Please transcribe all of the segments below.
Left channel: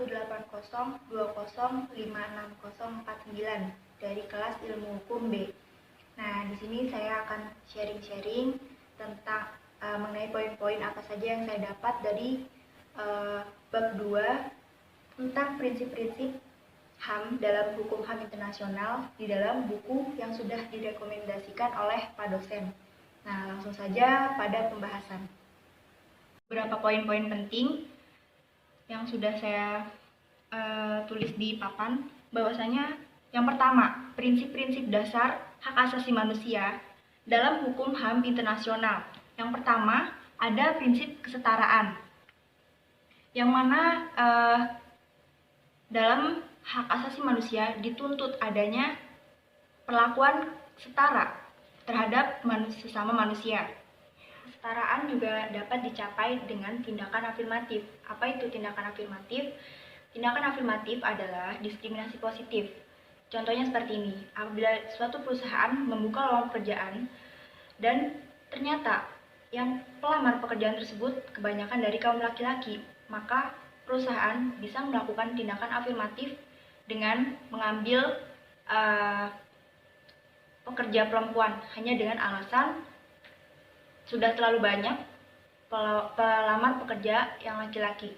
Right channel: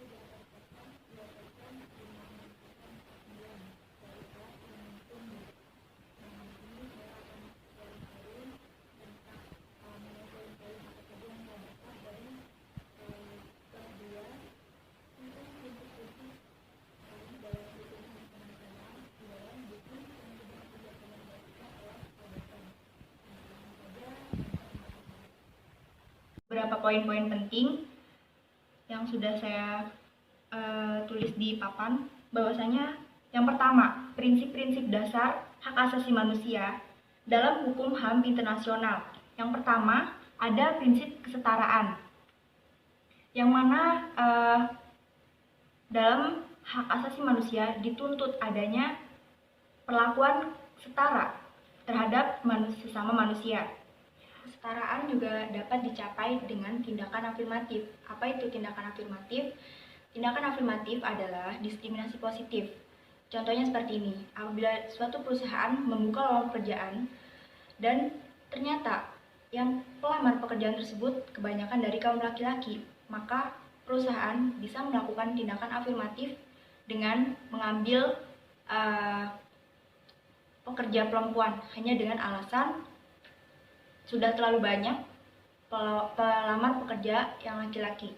180205609 dari kelas Ilmu Hukum B. Nah, di sini saya akan sharing-sharing tentang mengenai poin-poin apa saja yang saya dapat dari bab 2 tentang prinsip-prinsip HAM dalam hukum HAM internasional di dalam buku yang sudah direkomendasikan oleh Pak dosen. Nah, langsung saja pada pembahasan. Beberapa poin-poin penting yang sudah saya tulis di papan, bahwasanya yang pertama, prinsip-prinsip dasar hak asasi manusia dalam hukum HAM internasional. Yang pertama, ada prinsip kesetaraan, yang mana dalam hak asasi manusia dituntut adanya perlakuan setara terhadap sesama manusia. Kesetaraan juga dapat dicapai dengan tindakan afirmatif. Apa itu tindakan afirmatif? Tindakan afirmatif adalah diskriminasi positif. Contohnya seperti ini, apabila suatu perusahaan membuka lowongan pekerjaan dan ternyata yang pelamar pekerjaan tersebut kebanyakan dari kaum laki-laki, maka perusahaan bisa melakukan tindakan afirmatif dengan mengambil pekerja perempuan hanya dengan alasan sudah terlalu banyak pelamar pekerja yang laki-laki.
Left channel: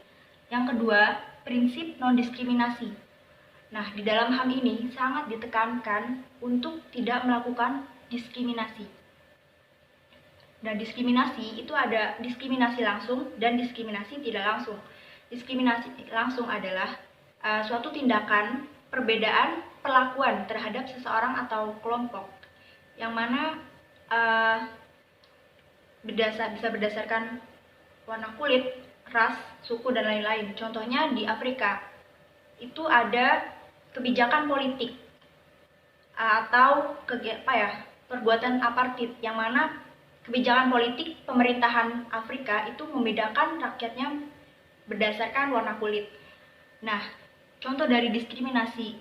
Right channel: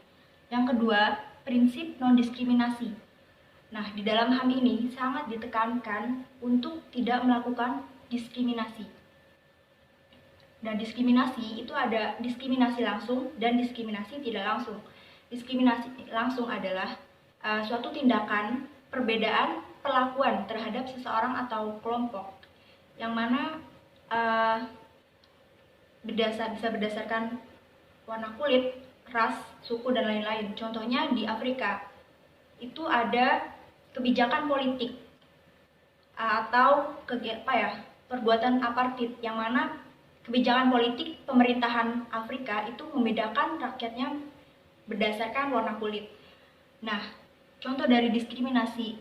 Yang kedua, prinsip non-diskriminasi. Nah, di dalam HAM ini sangat ditekankan untuk tidak melakukan diskriminasi. Dan diskriminasi itu ada diskriminasi langsung dan diskriminasi tidak langsung. Diskriminasi langsung adalah suatu tindakan perbedaan perlakuan terhadap seseorang atau kelompok, yang mana bisa berdasarkan warna kulit, ras, suku, dan lain-lain. Contohnya di Afrika itu ada kebijakan politik atau perbuatan apartheid, yang mana kebijakan politik pemerintahan Afrika itu membedakan rakyatnya berdasarkan warna kulit. Nah, contoh dari diskriminasi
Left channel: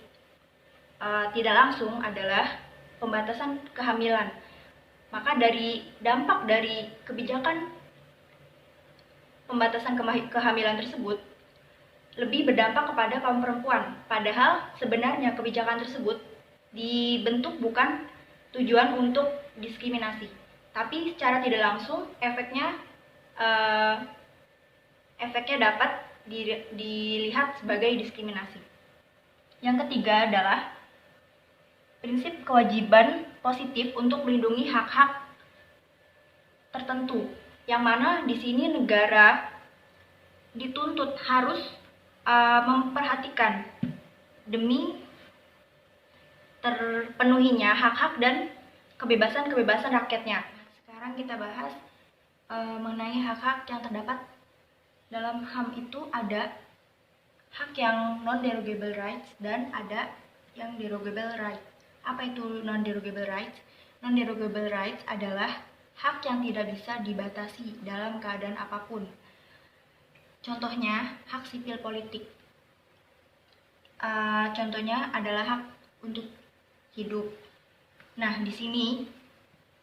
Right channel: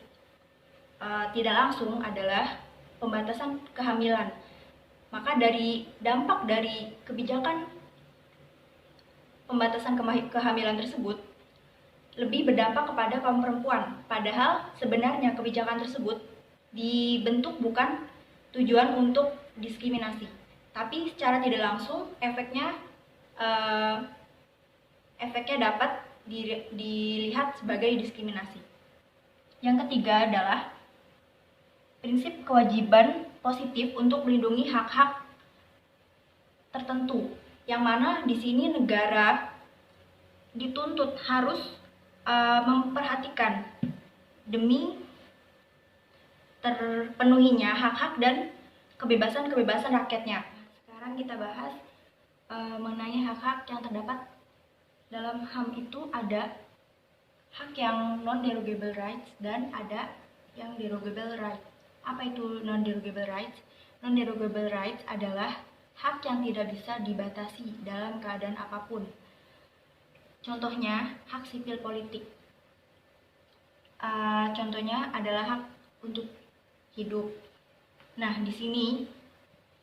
tidak langsung adalah pembatasan kehamilan. Maka dari dampak dari kebijakan pembatasan kehamilan tersebut lebih berdampak kepada kaum perempuan. Padahal sebenarnya kebijakan tersebut dibentuk bukan tujuan untuk diskriminasi, tapi secara tidak langsung efeknya dapat dilihat sebagai diskriminasi. Yang ketiga adalah prinsip kewajiban positif untuk melindungi hak-hak tertentu, yang mana di sini negara dituntut harus memperhatikan demi terpenuhinya hak-hak dan kebebasan-kebebasan rakyatnya. Sekarang kita bahas mengenai hak-hak yang terdapat dalam HAM. Itu ada hak yang non-derogable rights dan ada yang derogable rights. Apa itu non-derogable rights? Non-derogable rights adalah hak yang tidak bisa dibatasi dalam keadaan apapun. Contohnya, hak sipil politik. Contohnya adalah hak untuk hidup. Nah, di sini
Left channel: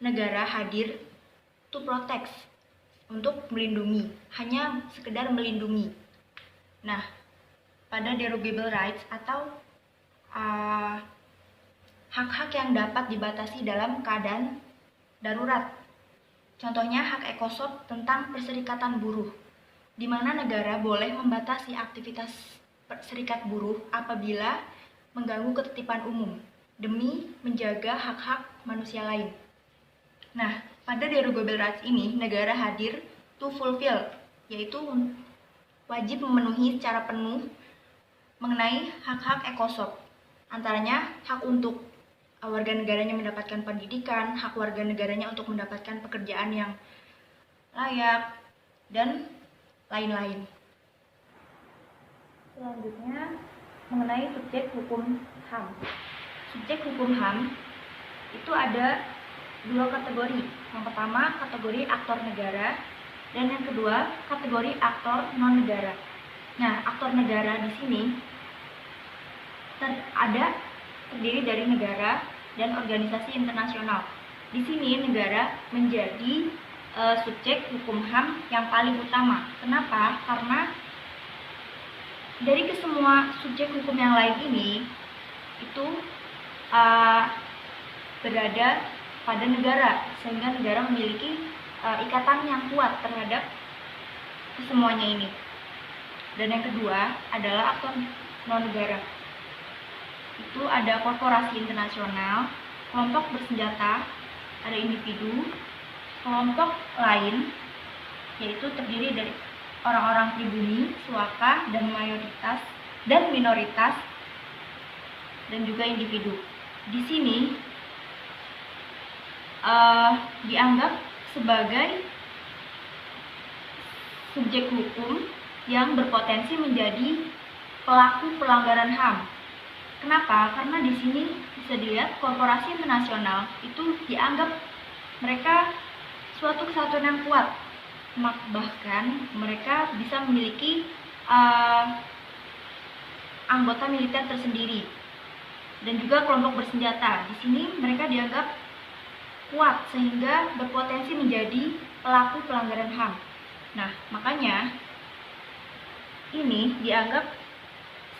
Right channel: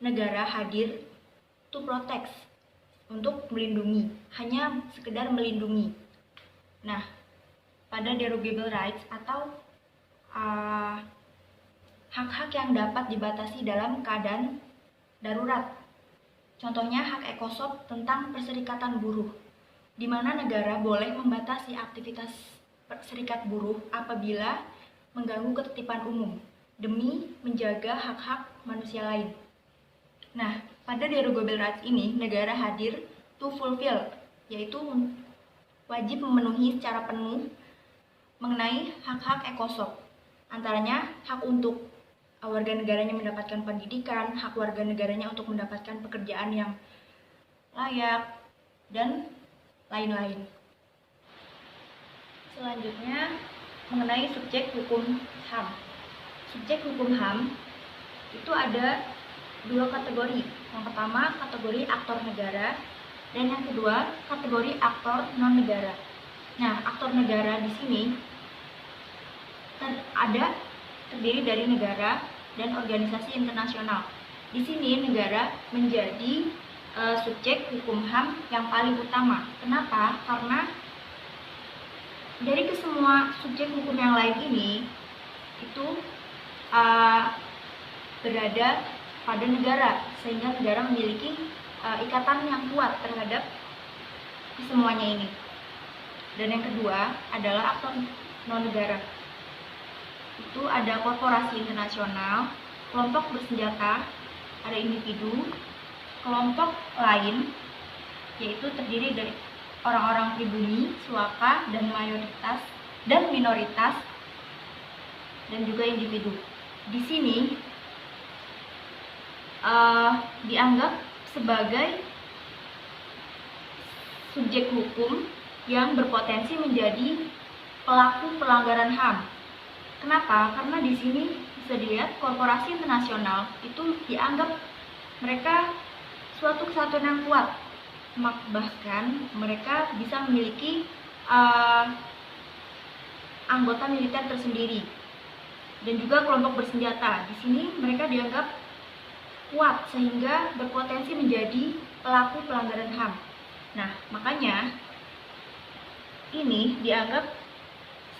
negara hadir to protect, untuk melindungi, hanya sekedar melindungi. Nah, pada derogable rights atau hak-hak yang dapat dibatasi dalam keadaan darurat. Contohnya hak ECOSOC tentang perserikatan buruh, di mana negara boleh membatasi aktivitas serikat buruh apabila mengganggu ketertiban umum demi menjaga hak-hak manusia lain. Nah, pada derogable rights ini negara hadir to fulfill, yaitu wajib memenuhi secara penuh mengenai hak-hak ECOSOC. Antaranya hak untuk warga negaranya mendapatkan pendidikan, hak warga negaranya untuk mendapatkan pekerjaan yang layak, dan lain-lain. Selanjutnya, mengenai subjek hukum HAM. Subjek hukum HAM itu ada dua kategori. Yang pertama, kategori aktor negara, dan yang kedua, kategori aktor non-negara. Nah, aktor negara di sini terdiri dari negara dan organisasi internasional. Di sini negara menjadi subjek hukum HAM yang paling utama. Kenapa? Karena Dari kesemua subjek hukum yang lain ini itu berada pada negara, sehingga negara memiliki ikatan yang kuat terhadap kesemuanya ini. Dan yang kedua adalah aktor non-negara. Itu ada korporasi internasional, kelompok bersenjata, ada individu, kelompok lain, yaitu terdiri dari orang-orang pribumi, suaka, dan mayoritas, dan minoritas, dan juga individu. Di sini dianggap sebagai subjek hukum yang berpotensi menjadi pelaku pelanggaran HAM. Kenapa? Karena di sini bisa dilihat korporasi internasional itu dianggap mereka suatu kesatuan yang kuat, bahkan mereka bisa memiliki anggota militer tersendiri, dan juga kelompok bersenjata. Di sini mereka dianggap kuat sehingga berpotensi menjadi pelaku pelanggaran HAM. Nah, makanya ini dianggap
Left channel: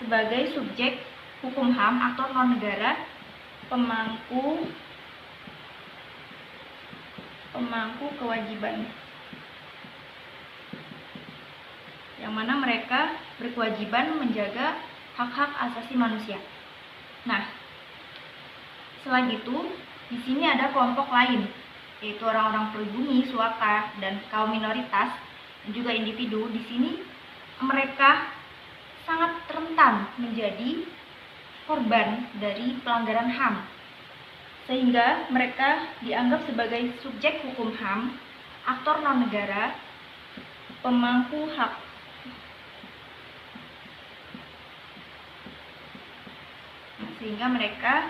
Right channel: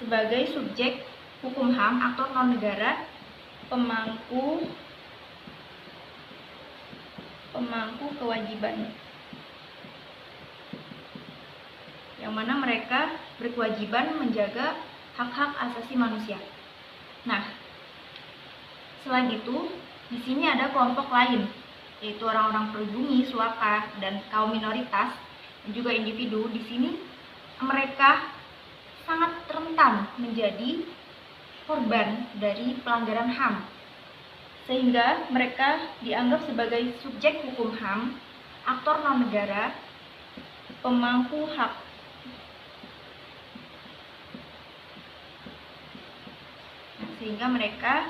sebagai subjek hukum HAM aktor non-negara pemangku kewajiban, yang mana mereka berkewajiban menjaga hak-hak asasi manusia. Nah, selain itu, di sini ada kelompok lain, yaitu orang-orang pribumi, suaka, dan kaum minoritas, dan juga individu. Di sini mereka sangat rentan menjadi korban dari pelanggaran HAM, sehingga mereka dianggap sebagai subjek hukum HAM, aktor non-negara, pemangku hak. Sehingga mereka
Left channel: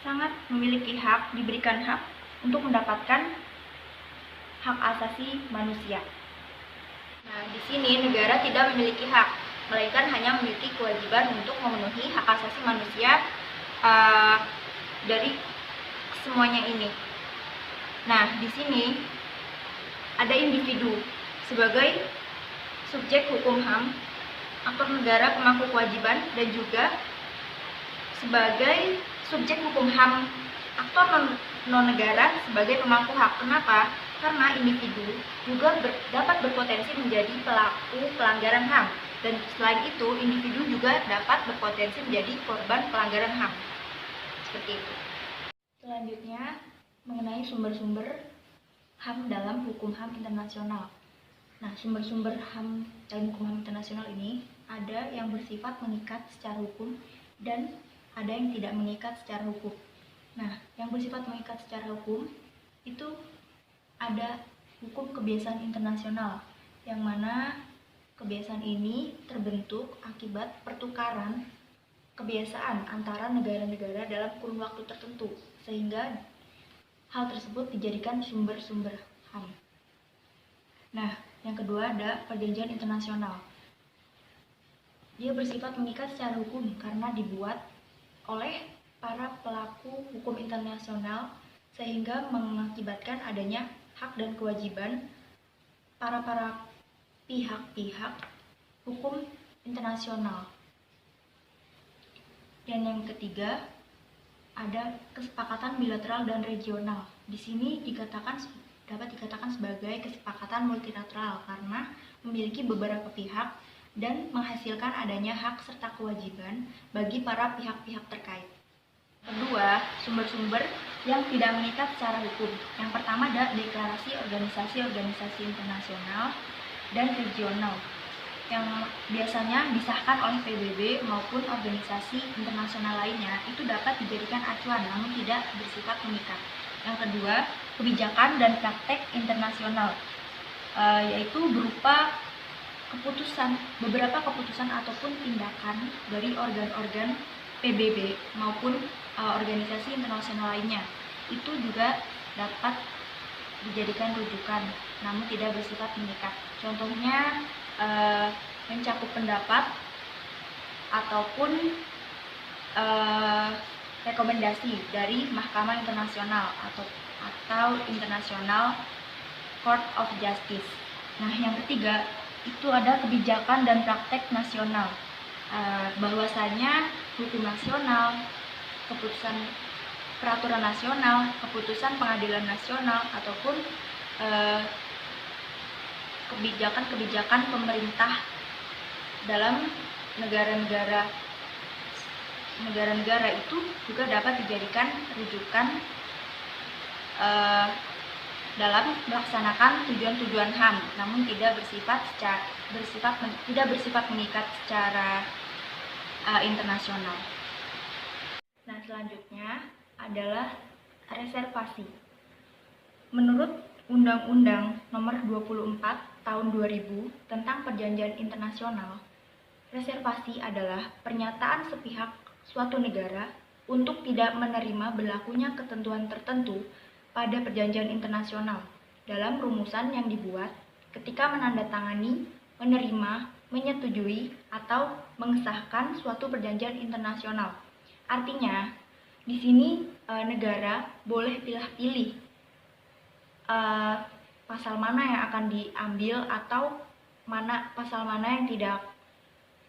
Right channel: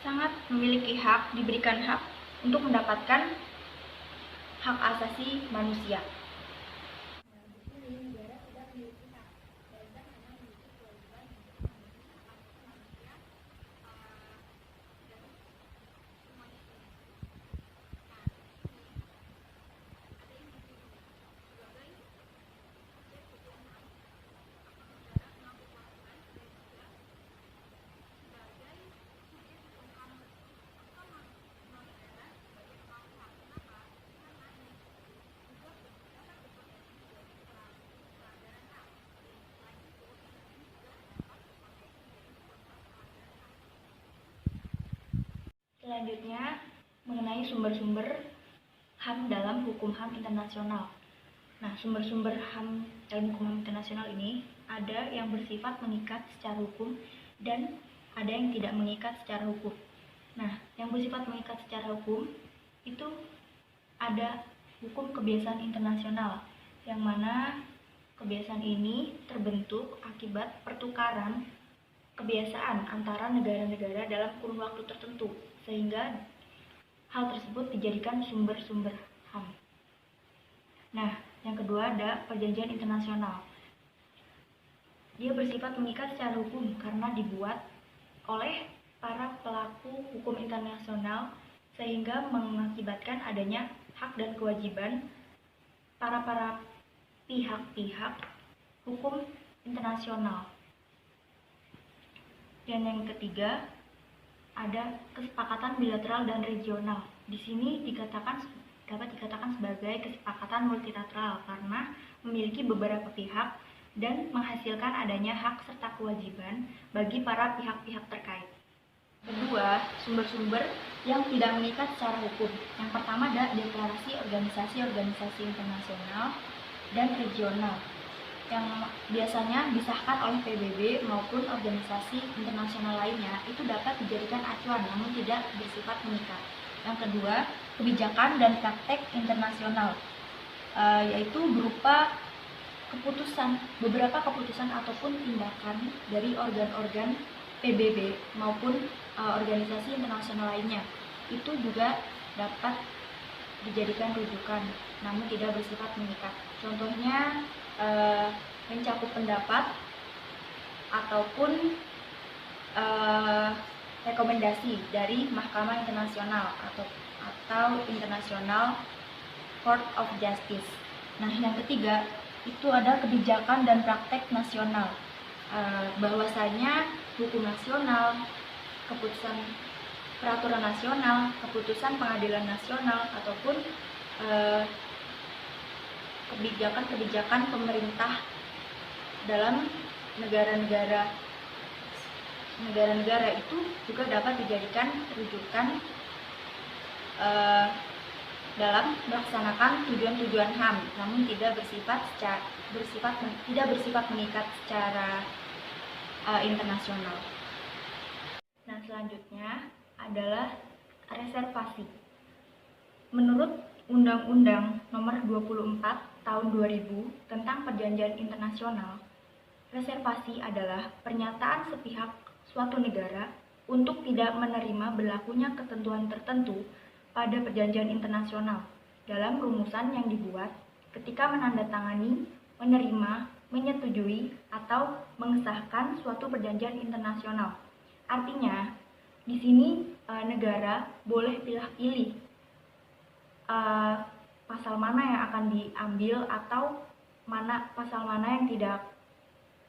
sangat memiliki hak, diberikan hak untuk mendapatkan hak asasi manusia. Nah, di sini negara tidak memiliki hak, melainkan hanya memiliki kewajiban untuk memenuhi hak asasi manusia dari semuanya ini. Nah, di sini ada individu sebagai subjek hukum HAM, aktor negara pemangku kewajiban, dan juga sebagai subjek hukum HAM aktor non-negara sebagai pemangku hak. Kenapa? Karena individu juga dapat berpotensi menjadi pelaku pelanggaran HAM, dan selain itu individu juga dapat berpotensi menjadi korban pelanggaran HAM. Seperti itu. Selanjutnya mengenai sumber-sumber HAM dalam hukum HAM internasional. Nah, sumber-sumber HAM dalam hukum HAM internasional ini ada yang bersifat mengikat secara hukum dan ada yang tidak mengikat secara hukum. Nah, yang bersifat mengikat secara hukum itu ada hukum kebiasaan internasional, yang mana kebiasaan ini terbentuk akibat pertukaran kebiasaan antara negara-negara dalam kurun waktu tertentu, sehingga hal tersebut dijadikan sumber-sumber HAM. Nah, yang kedua ada perjanjian internasional. Dia bersifat mengikat secara hukum karena dibuat oleh para pelaku hukum internasional, sehingga mengakibatkan adanya hak dan kewajiban para pihak-pihak hukum internasional. Dan yang ketiga ada kesepakatan bilateral dan regional. Di sini dapat dikatakan sebagai kesepakatan multilateral karena memiliki beberapa pihak dan menghasilkan adanya hak serta kewajiban bagi para pihak-pihak terkait. Kedua, sumber-sumber yang tidak mengikat secara hukum. Yang pertama ada deklarasi organisasi-organisasi internasional dan regional yang biasanya disahkan oleh PBB maupun organisasi internasional lainnya, itu dapat dijadikan acuan namun tidak bersifat mengikat. Yang kedua, kebijakan dan praktek internasional, yaitu berupa beberapa keputusan ataupun tindakan dari organ-organ PBB maupun organisasi internasional lainnya, itu juga dapat dijadikan rujukan namun tidak bersifat mengikat. Contohnya mencakup pendapat ataupun rekomendasi dari Mahkamah Internasional atau International Court of Justice. Nah, yang ketiga itu ada kebijakan dan praktek nasional. Bahwasanya hukum nasional, keputusan peraturan nasional, keputusan pengadilan nasional, ataupun kebijakan-kebijakan pemerintah dalam negara-negara itu juga dapat dijadikan rujukan dalam melaksanakan tujuan-tujuan HAM, namun tidak bersifat mengikat secara internasional. Nah, selanjutnya adalah reservasi. Menurut Undang-Undang Nomor 24 Tahun 2000 tentang Perjanjian Internasional, reservasi adalah pernyataan sepihak suatu negara untuk tidak menerima berlakunya ketentuan tertentu pada perjanjian internasional dalam rumusan yang dibuat ketika menandatangani, menerima, menyetujui, atau mengesahkan suatu perjanjian internasional. Artinya, di sini negara boleh pilih-pilih pasal mana yang akan diambil atau pasal mana yang tidak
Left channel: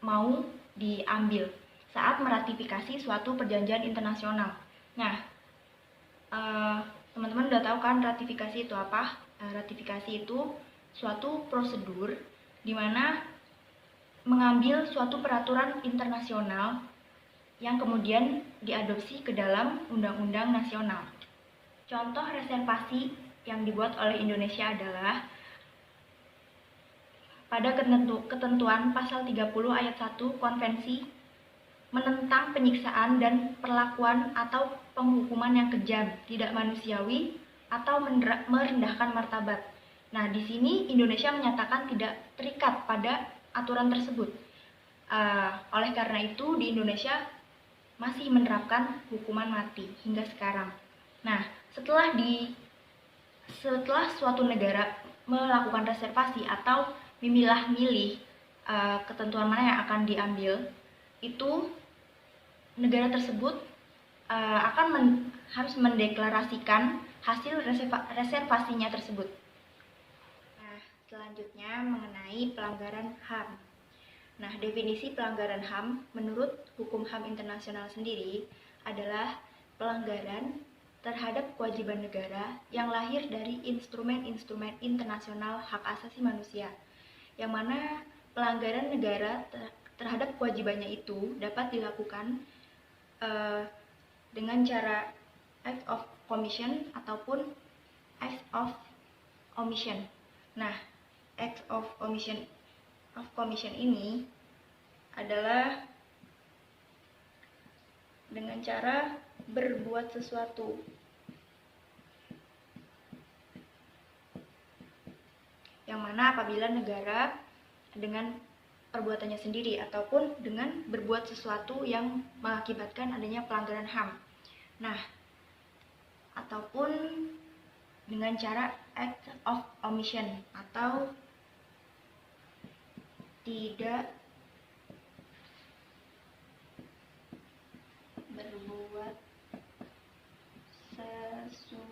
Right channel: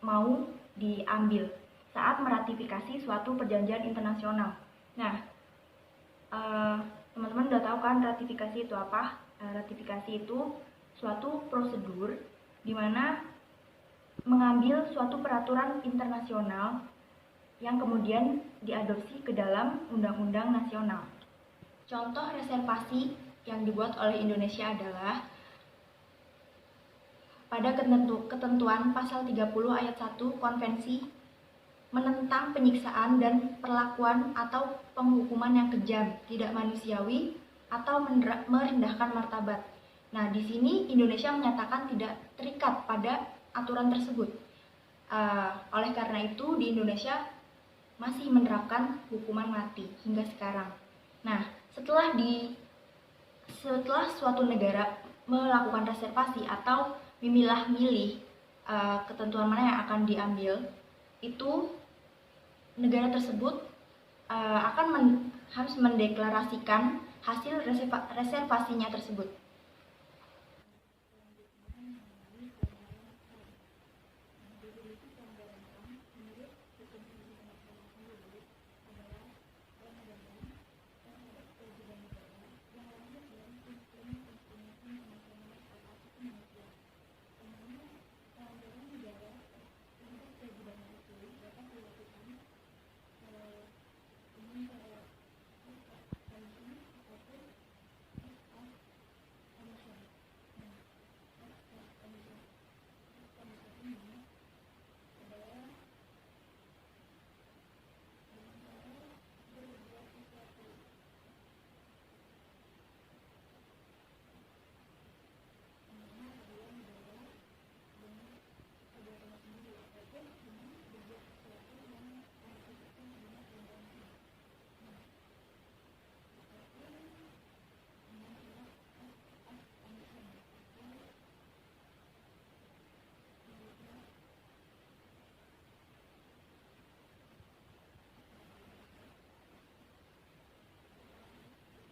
mau diambil saat meratifikasi suatu perjanjian internasional. Nah, teman-teman udah tahu kan ratifikasi itu apa? Ratifikasi itu suatu prosedur di mana mengambil suatu peraturan internasional yang kemudian diadopsi ke dalam undang-undang nasional. Contoh reservasi yang dibuat oleh Indonesia adalah pada ketentuan pasal 30 ayat 1 Konvensi menentang penyiksaan dan perlakuan atau penghukuman yang kejam, tidak manusiawi, atau merendahkan martabat. Nah, di sini Indonesia menyatakan tidak terikat pada aturan tersebut. Oleh karena itu, di Indonesia masih menerapkan hukuman mati hingga sekarang. Nah, setelah suatu negara melakukan reservasi atau memilah-milih ketentuan mana yang akan diambil, itu negara tersebut harus mendeklarasikan hasil reservasinya tersebut. Nah, selanjutnya mengenai pelanggaran HAM. Nah, definisi pelanggaran HAM menurut hukum HAM internasional sendiri adalah pelanggaran terhadap kewajiban negara yang lahir dari instrumen-instrumen internasional hak asasi manusia, yang mana pelanggaran negara terhadap kewajibannya itu dapat dilakukan dengan cara act of commission ataupun act of omission. Nah, act of commission ini adalah dengan cara berbuat sesuatu yang mana apabila negara dengan perbuatannya sendiri ataupun dengan berbuat sesuatu yang mengakibatkan adanya pelanggaran HAM. Nah, ataupun dengan cara act of omission atau tidak berbuat sesuatu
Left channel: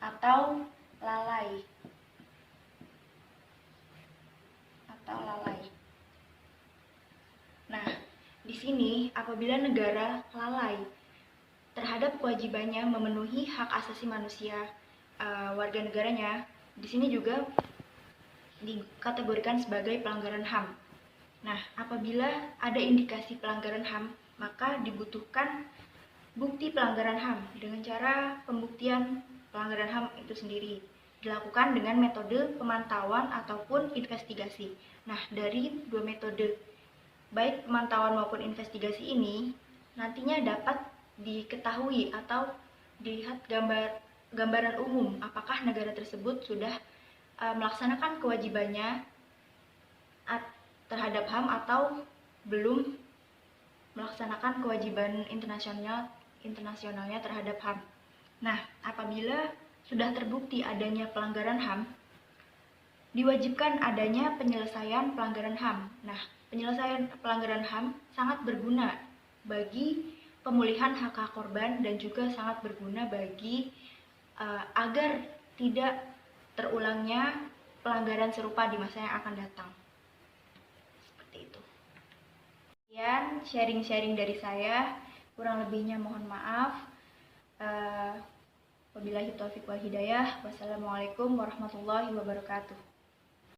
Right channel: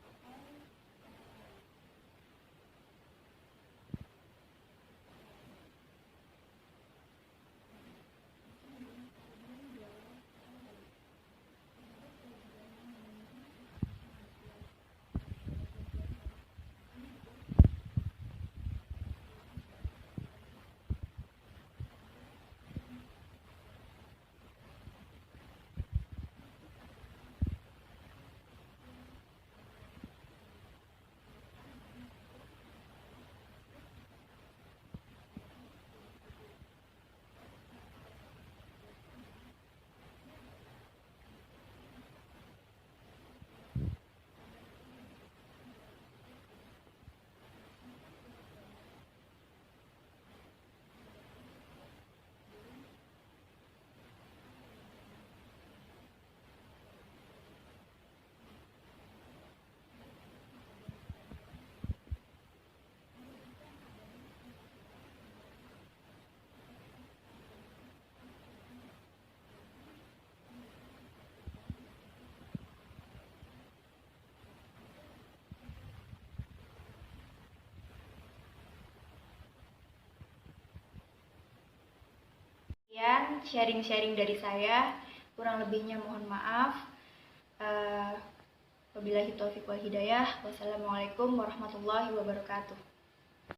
atau lalai. Nah, di sini apabila negara lalai terhadap kewajibannya memenuhi hak asasi manusia warga negaranya, di sini juga dikategorikan sebagai pelanggaran HAM. Nah, apabila ada indikasi pelanggaran HAM, maka dibutuhkan bukti pelanggaran HAM dengan cara pembuktian pelanggaran HAM itu sendiri dilakukan dengan metode pemantauan ataupun investigasi. Nah, dari dua metode, baik pemantauan maupun investigasi ini, nantinya dapat diketahui atau dilihat gambaran umum apakah negara tersebut sudah melaksanakan kewajibannya terhadap HAM atau belum melaksanakan kewajiban internasionalnya terhadap HAM. Nah, apabila sudah terbukti adanya pelanggaran HAM, diwajibkan adanya penyelesaian pelanggaran HAM. Nah, penyelesaian pelanggaran HAM sangat berguna bagi pemulihan hak-hak korban dan juga sangat berguna bagi agar tidak terulangnya pelanggaran serupa di masa yang akan datang. Seperti itu. Sekian sharing-sharing dari saya, kurang lebihnya mohon maaf. Wabillahi taufiq wal hidayah. Wassalamualaikum warahmatullahi wabarakatuh.